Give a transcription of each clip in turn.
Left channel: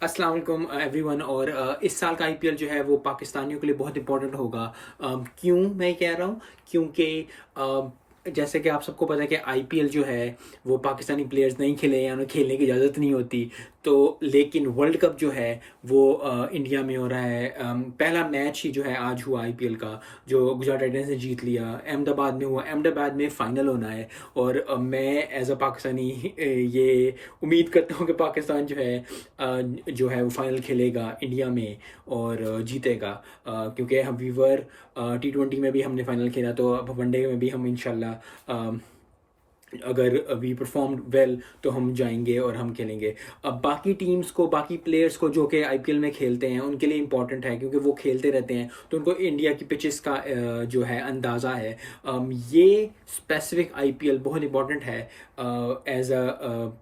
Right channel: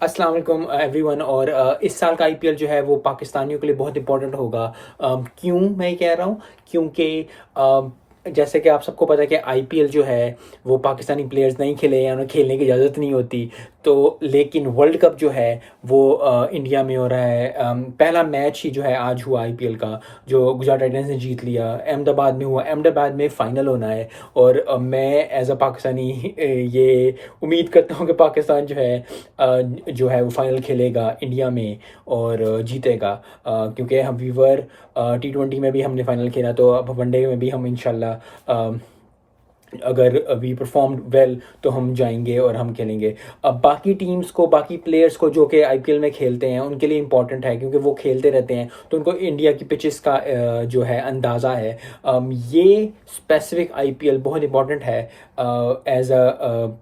अस्सलाम वालेकुम एवरीवन। और इस साल का आईपीएल जो है वो पाकिस्तानियों के लिए बहुत इंपॉर्टेंट होगा। क्यों मैं कह रहा हूँ? क्योंकि जैसे कि आप सबको पता है कि आईपीएल जो है वो पाकिस्तानी प्लेयर्स नहीं खेले या उन्हें खेलने की इजाज़त नहीं होती। तो लेकिन वर्ल्ड कप जो है वो इंडिया में हो रहा है। पहला मैच ही जो है आज हुआ आईपीएल का, जो गुजरात टाइटंस ने जीत लिया। अहमदाबाद में हुआ, अहमदाबाद में फ़ाइनल होना है। और मैं एज अ पाकिस्तानी ये उम्मीद करता हूँ कि पाकिस्तान जो है वो फाइनल खेलेगा इंडिया में और जीतेगा। क्योंकि हम वीवर T20 में भी हमने फाइनल खेला, तो अब वनडे में भी हम इंशाल्लाह अगर वी परफॉर्म वेल तो हम जाएंगे और हम खेलेंगे। अब बाकी टीम्स को, बाकी प्लेयर्स को जो कि आईपीएल में खेलते हैं उनके लिए इंपॉर्टेंट है, क्योंकि वो खेलते रहते हैं तो उनको इंडिया की पिचेस का जो है अंदाज़ा है। ये स्पेसिफिक आईपीएल बहुत इंपॉर्टेंट है एज अ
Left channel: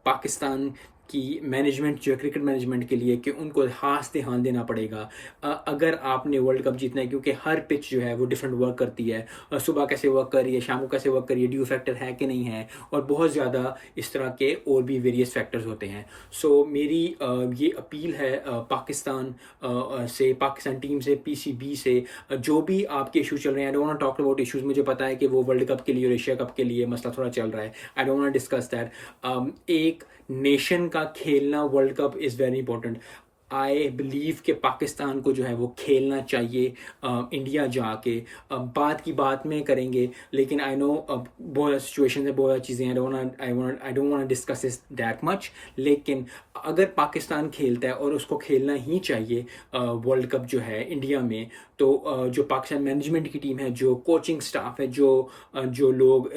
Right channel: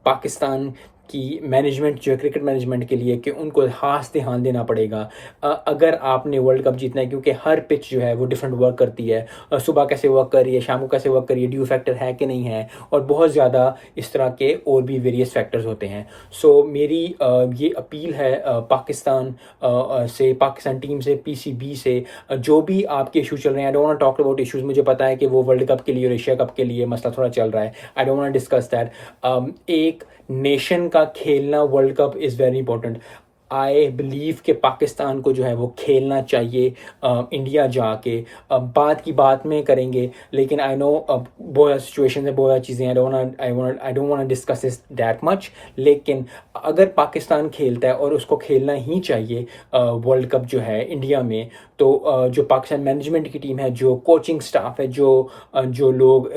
पाकिस्तान की मैनेजमेंट जो है, क्रिकेट मैनेजमेंट के लिए, कि उनको खास ध्यान देना पड़ेगा अगर आपने वर्ल्ड कप जीतना है। क्योंकि हर पिच जो है वो डिफरेंट वर्क करती है। सुबह कैसे वर्क कर रही है, शाम को कैसे वर्क कर रही है, ड्यू फैक्टर है कि नहीं है, और बहुत ज़्यादा इस तरह के और भी वेरियस फैक्टर्स होते हैं। सो मेरी ये अपील है पाकिस्तान टीम से, पीसीबी से, जो भी आपके इशू चल रहे हैं। आई don't want talk about issues. मुझे पता है कि वो वर्ल्ड कप के लिए और एशिया कप के लिए मसला थोड़ा चल रहा है। I don't want discuss that. एक नेशन का खेलना world cup is very important. I believe कि पाकिस्तान को जो है वो खेलना चाहिए इंडिया जाके। अब बात की बात में करेंगे, लेकिन आई नो अब बहुत सिचुएशन है, बहुत चीज़ें हैं। आई don't want discuss this that much. लेकिन अगर पाकिस्तान खेलता है और उसको खेलना ही चाहिए वर्ल्ड कप जो है इंडिया में, तो जो पाकिस्तान मैनेजमेंट की टीम है, जो कोचिंग स्टाफ है, जो लोग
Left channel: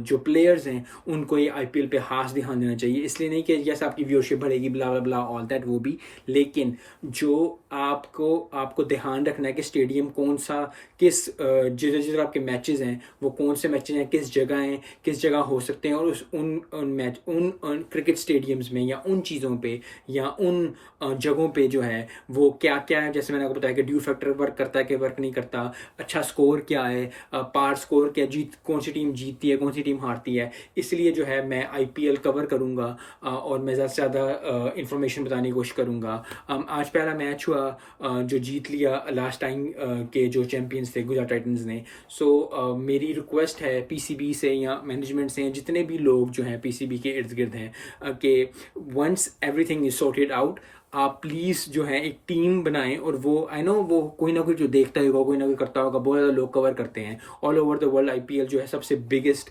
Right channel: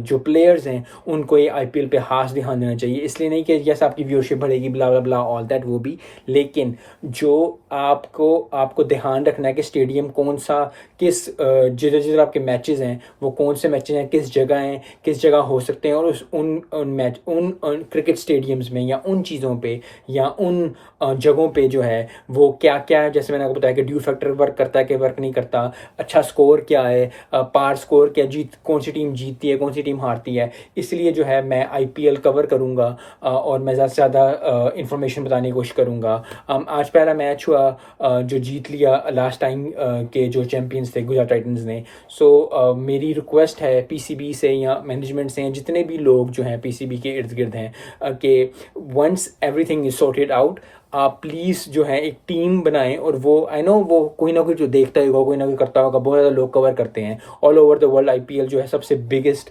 जो प्लेयर्स हैं, उनको ये आईपीएल पे खास ध्यान देना चाहिए। इसलिए नहीं कि जैसे आपकी व्यूअरशिप बढ़ेगी, ब्ला ब्ला ब्ला ऑल दैट, वो भी। लेकिन जो आपको ध्यान रखना है कि स्टेडियम कौन सा, किस जिधर जिधर आपके मैचेस हैं वो कौन से मैचेस हैं, किस जगह हैं, किस जगह हो सकते हैं, और उन क्रिकेट स्टेडियम्स में या उन चीज़ों पे या उन जगहों पे जो है वो क्या क्या है। जैसे मैंने आपको बताया कि ड्यू फैक्टर वर्क करता है कि वर्क नहीं करता, अच्छा स्कोर क्या है, पार स्कोर क्या, कौन सी टीम जीतती है, कौन सी टीम हारती है। इसलिए जो है मैं आईपीएल कवर करूँगा और मैं ज़्यादा से ज़्यादा इंफॉर्मेशन बताने की कोशिश करूँगा। आज पहला मैच हुआ जो जीत लिया लास्ट टाइम के जो चैम्पियंस थे, गुजरात टाइटंस ने। सो मेरी रिक्वेस्ट है पीसीबी से या मैनेजमेंट से, जितने भी लोग जो हैं पीसीबी के इर्द गिर्द हैं, कि once everything is sorted out, आप प्लीज़ जो है एक टीम बनाएं। और वो आई नो वो कोई ना कोई जो देखता होगा, कोई ना कोई करता होगा, बहुत ज़्यादा लोग कवर करते हैं all over the world. IPL जो है सबसे बिगेस्ट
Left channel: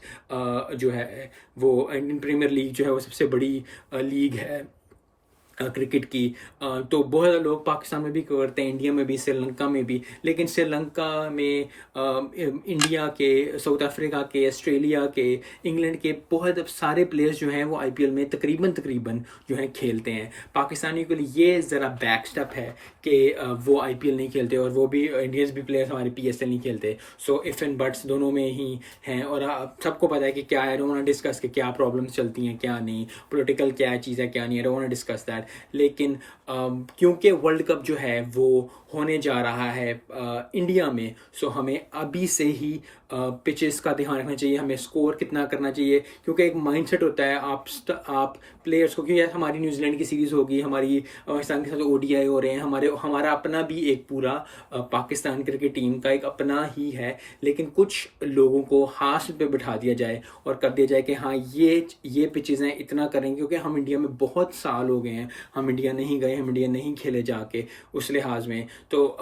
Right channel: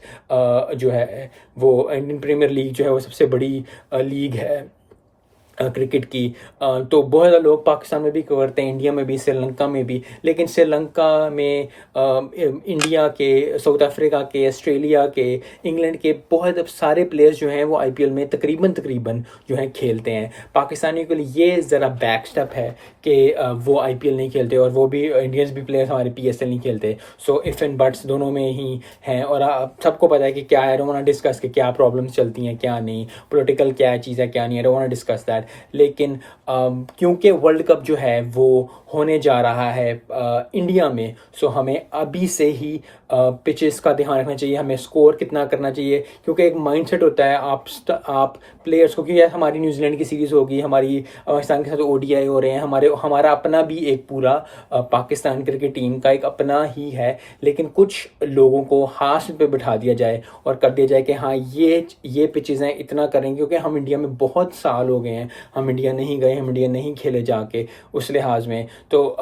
जो है वो इंडियन प्रीमियर लीग जो है वो सबसे बड़ी लीग है क्रिकेट की। तो बहुत ज़्यादा लोग पाकिस्तान में भी करते हैं, इंडिया में भी, श्रीलंका में भी। लेकिन श्रीलंका में इंडिया के, साउथ अफ्रीका के, ऑस्ट्रेलिया के, इंग्लैंड के बहुत सारे प्लेयर्स जो हैं वो आईपीएल में तकरीबन जो हैं खेलते हैं। पाकिस्तानियों के लिए ये ज़रा बैक स्टेप है कि वो आईपीएल नहीं खेलते, और वो भी इंडियंस भी प्लेयर्स हमारे पीएसएल नहीं खेलते। सो इफ़ एंड बट्स दोनों में ही हैं। और आप सबको पता है कि क्या है, I don't want to discuss कि क्या प्रॉब्लम्स चलती हैं, क्या नहीं, पॉलिटिकल क्या चीज़ है, क्या नहीं, I don't want to discuss that. लेकिन क्योंकि वर्ल्ड कप जो है वो होने जा रहा है इंडिया में, सो हमें अभी से ही पिचेस का ध्यान रखना चाहिए, हमें स्कोर कितना करना चाहिए। क्योंकि एक माइंडसेट होता है आप प्लेयर्स को, क्योंकि हमारी न्यूजीलैंड की सीरीज़ होगी, हमारी पाकिस्तान के साथ ओडीआई हो रहे हैं, हमारा अपना भी एक पूरा पाकिस्तान क्रिकेट टीम का एक अपना ही है। लेकिन कुछ लोगों को हाथ पे बिठा दिया जाए और कर दिया जाए कि हाँ ये पिचेस हैं, इतना करेंगे। क्योंकि हम इंडिया में बहुत साल हो गए हैं, हम इंडिया नहीं गए, हम इंडिया नहीं खेले जाके उस लिहाज में। तो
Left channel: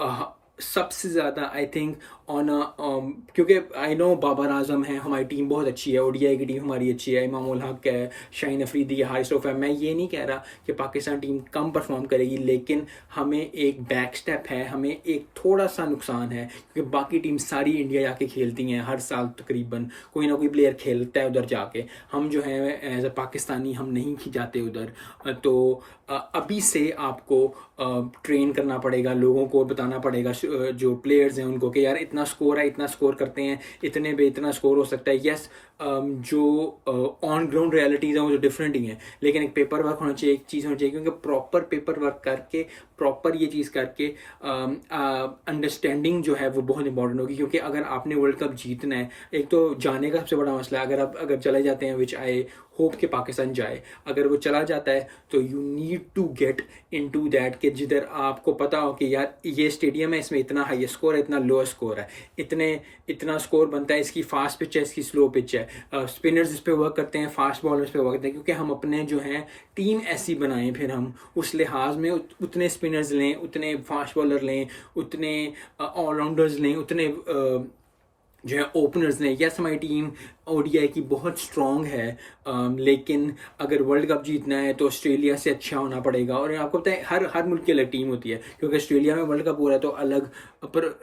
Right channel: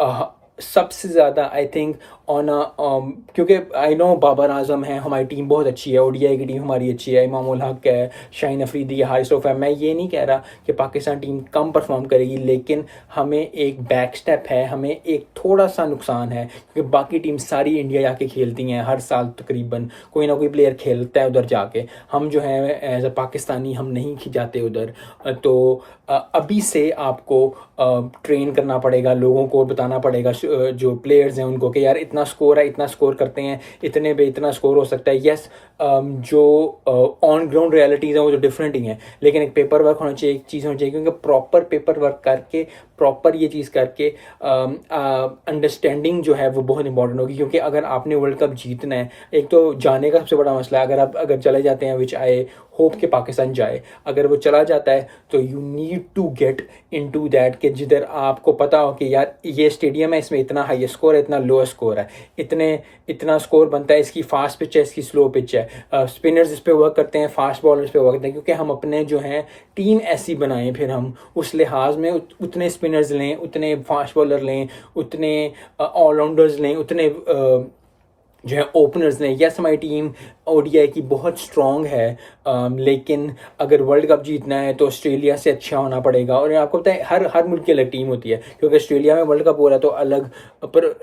सबसे ज़्यादा आई थिंक क्योंकि आई नो बाबर आजम है, हमारी टीम बहुत अच्छी है, ओडीआई की टीम हमारी अच्छी है, इमाम उल हक है, शाहीन अफरीदी है, हारिस रऊफ है। मैं ये नहीं कह रहा कि पाकिस्तान टीम कम परफॉर्म करेगी, लेकिन हमें एक बैक स्टेप है, हमें एक थोड़ा सा नुकसान है। क्योंकि बाकी टीम सारी इंडिया जाके खेलती हैं हर साल, तकरीबन कोई ना कोई प्लेयर खेलता है उधर जाके। हम जो है एज अ पाकिस्तानी हम नहीं जाते उधर। तो अभी से आपको ट्रेन करना पड़ेगा, लोगों को बताना पड़ेगा, जो प्लेयर्स हैं उनको, कि यार इतना स्कोर है, इतना स्कोर करते हैं, इतने पे इतना स्कोर हो सकता है। यस, जो ऑन ग्राउंड रियलिटीज़ हैं वो तो डिफरेंट ही हैं, लेकिन एक पेपर वर्क होना चाहिए, एक चीज़ होनी चाहिए। क्योंकि प्रॉपर पेपर वर्क करके, प्रॉपर ये चीज़ करके अंडरस्टैंडिंग जो है वो बहुत इंपॉर्टेंट होगी। क्योंकि अगर आपने वर्ल्ड कप जीतना है, एक तो जाने का सबसे बड़ा मसला है। अगर चले जाते हैं, विच आई होप कि पाकिस्तान जाए। अगर वो चला जाता है तो you need to get into that कि जिधर आपको पता हो कि यार ये स्टेडियम है, इसमें इतना हाई स्कोर है, इतना लो स्कोर है, इतना स्कोर बनता है, इसकी फास्ट पिच है, इसकी स्लो पिच है, स्पिनर्स इस पर वर्क करते हैं, फास्ट बॉलर्स पे वर्क करते हैं, क्योंकि हम अपने जो हैं टीम ऐसी बनाएं, फिर हम उस लिहाज में उतने स्पिनर्स लें, उतने फास्ट बॉलर लें, उतने ऑलराउंडर्स लें, उतने जो है ओपनर्स ने। यस हमारी टीम ओडीआई की बहुत स्ट्रॉन्ग है, लेकिन अगर वर्ल्ड कप जीतना है तो ऑस्ट्रेलिया से अच्छा होना पड़ेगा। और आपको पता है हर मुल्क की अलग टीम होती है, क्योंकि ऑस्ट्रेलिया में वर्ल्ड कप हो रहा है तो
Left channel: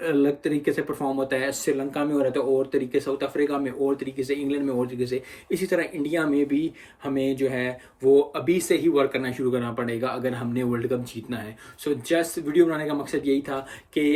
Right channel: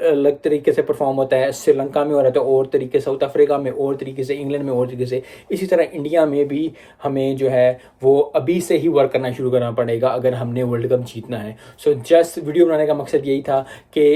अलग तरीके से परफॉर्म होता है, श्रीलंका में हो रहा है तो और तरीके से, साउथ अफ्रीका में और तरीके से, इंग्लैंड में और तरीके से। इसी तरह इंडिया में भी हमें जो है वो अभी से ही वर्क करना शुरू करना पड़ेगा अगर हमने वर्ल्ड कप जीतना है। सो जस्ट वीडियो बनाने का मकसद यही था कि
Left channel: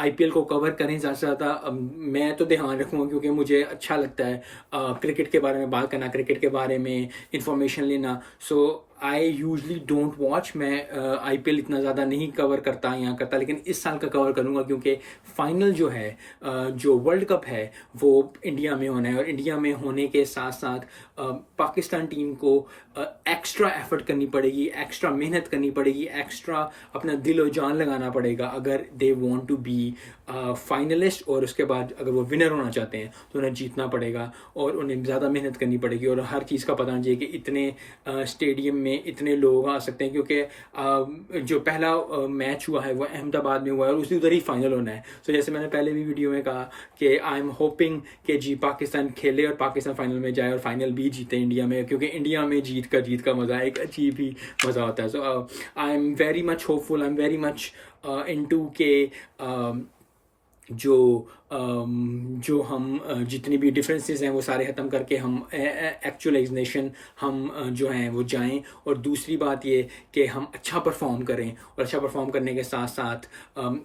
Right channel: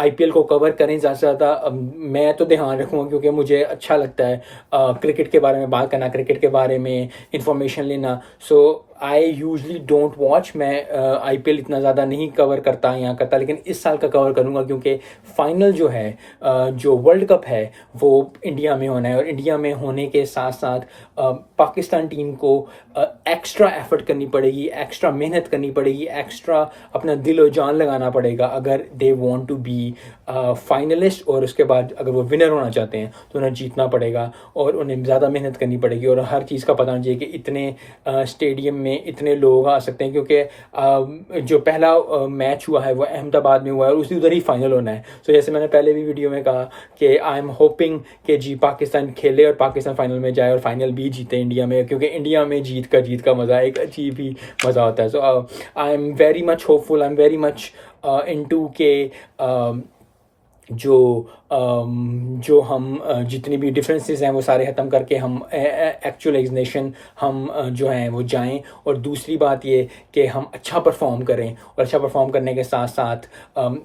IPL को कवर करें ज़्यादा से ज़्यादा। मैं तो ध्यान रखूँगा क्योंकि मुझे अच्छा लगता है क्रिकेट के बारे में बात करना, क्रिकेट के बारे में इंफॉर्मेशन लेना। सो आई यूजली डोंट वॉच, मैं IPL इतना ज़्यादा नहीं कवर करता यहाँ करता, लेकिन इस साल का कवर करूँगा क्योंकि फाइनल जो है जो वर्ल्ड कप है वो इंडिया में होना है। और इंडिया में होने के साथ साथ पाकिस्तान टीम को एक्स्ट्रा एफर्ट करनी पड़ेगी, एक्स्ट्रा मेहनत करनी पड़ेगी, एक्स्ट्रा अपना दिल और जान लगाना पड़ेगा अगर they want to be finalist. और उसके बाद अगर वो विनर होना चाहते हैं तो उन्हें जीतना पड़ेगा और उन्हें ज़्यादा मेहनत करनी पड़ेगी। और हर चीज़ का पता होना चाहिए कि इतने स्टेडियम में इतने लोग आ सकते हैं, क्योंकि जो पहला मैच हुआ है वो अहमदाबाद में हुआ है और उसी उधर ही फाइनल होना है। सो जैसे मैंने पहले भी वीडियो में कहा कि आई एम होपिंग कि जी पाकिस्तान खेले और पाकिस्तान फाइनल में जाए और फाइनल भी जीते इंडिया में, क्योंकि इंडिया में जीत का मज़ा एक अजीब ही मज़ा होता है। So I am very much hopeful, I am very much into के जो हम जितनी भी डिफरेंसेस हैं वो सारे ख़त्म करके हम एक्चुअल एज नेशन हम जो हैं वो जाएं। और दूसरी बात ये कि हम अच्छा परफॉर्म करें, और अच्छा परफॉर्म करने के साथ साथ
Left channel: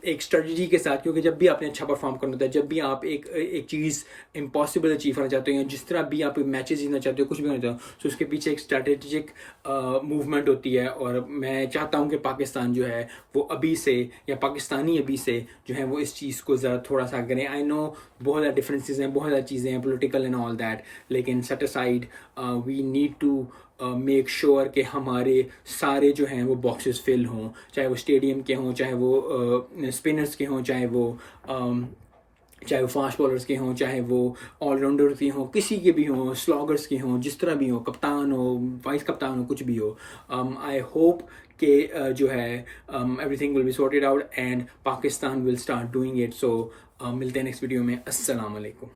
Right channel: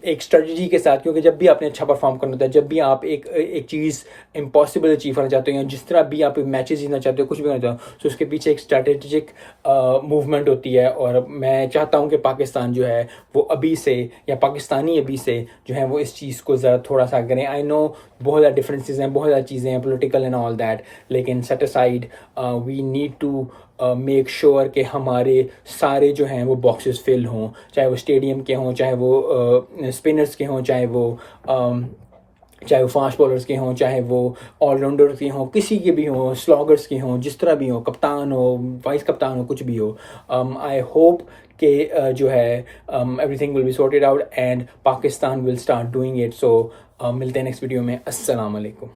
एक स्ट्रेटजी के साथ, क्योंकि जब भी आपने अच्छा परफॉर्म करना होता है, जब भी आप एक चीज़ इम्पॉसिबल अचीव करना चाहते हो या जिस तरह भी आप मैचेस जीतना चाहते हो, कुछ भी करना चाहते हो, तो उसके पीछे एक स्ट्रैटेजिक मूवमेंट होती है। और मैं चाहता हूँ कि पाकिस्तान जो है वो अभी से, या पाकिस्तानी अभी से जो है वो इस चीज़ को ज़रा थोड़ा सा करें। आई नो बहुत ज़्यादा डिफरेंसेस हैं, बहुत ज़्यादा चीज़ें हैं, पॉलिटिकल एंड ऑल दैट, लेकिन set aside we need to make sure कि हमारे सारे जो हैं वो बॉक्सेस फिल हों, चाहे वो स्टेडियम के हों, चाहे वो स्पिनर्स के हों, चाहे वो फास्ट बॉलर्स के हों, चाहे वो ऑलराउंडर्स के हों, किसी के भी हों, स्लॉगर्स के हों, जिस तरह भी हो, कप्तान हो, वाइस कप्तान हो, कुछ भी हो। आई होप कि जो है everything will be sorted out and Pakistan will start doing it. So मिलते हैं नेक्स्ट वीडियो में। अस्सलाम वालेकुम।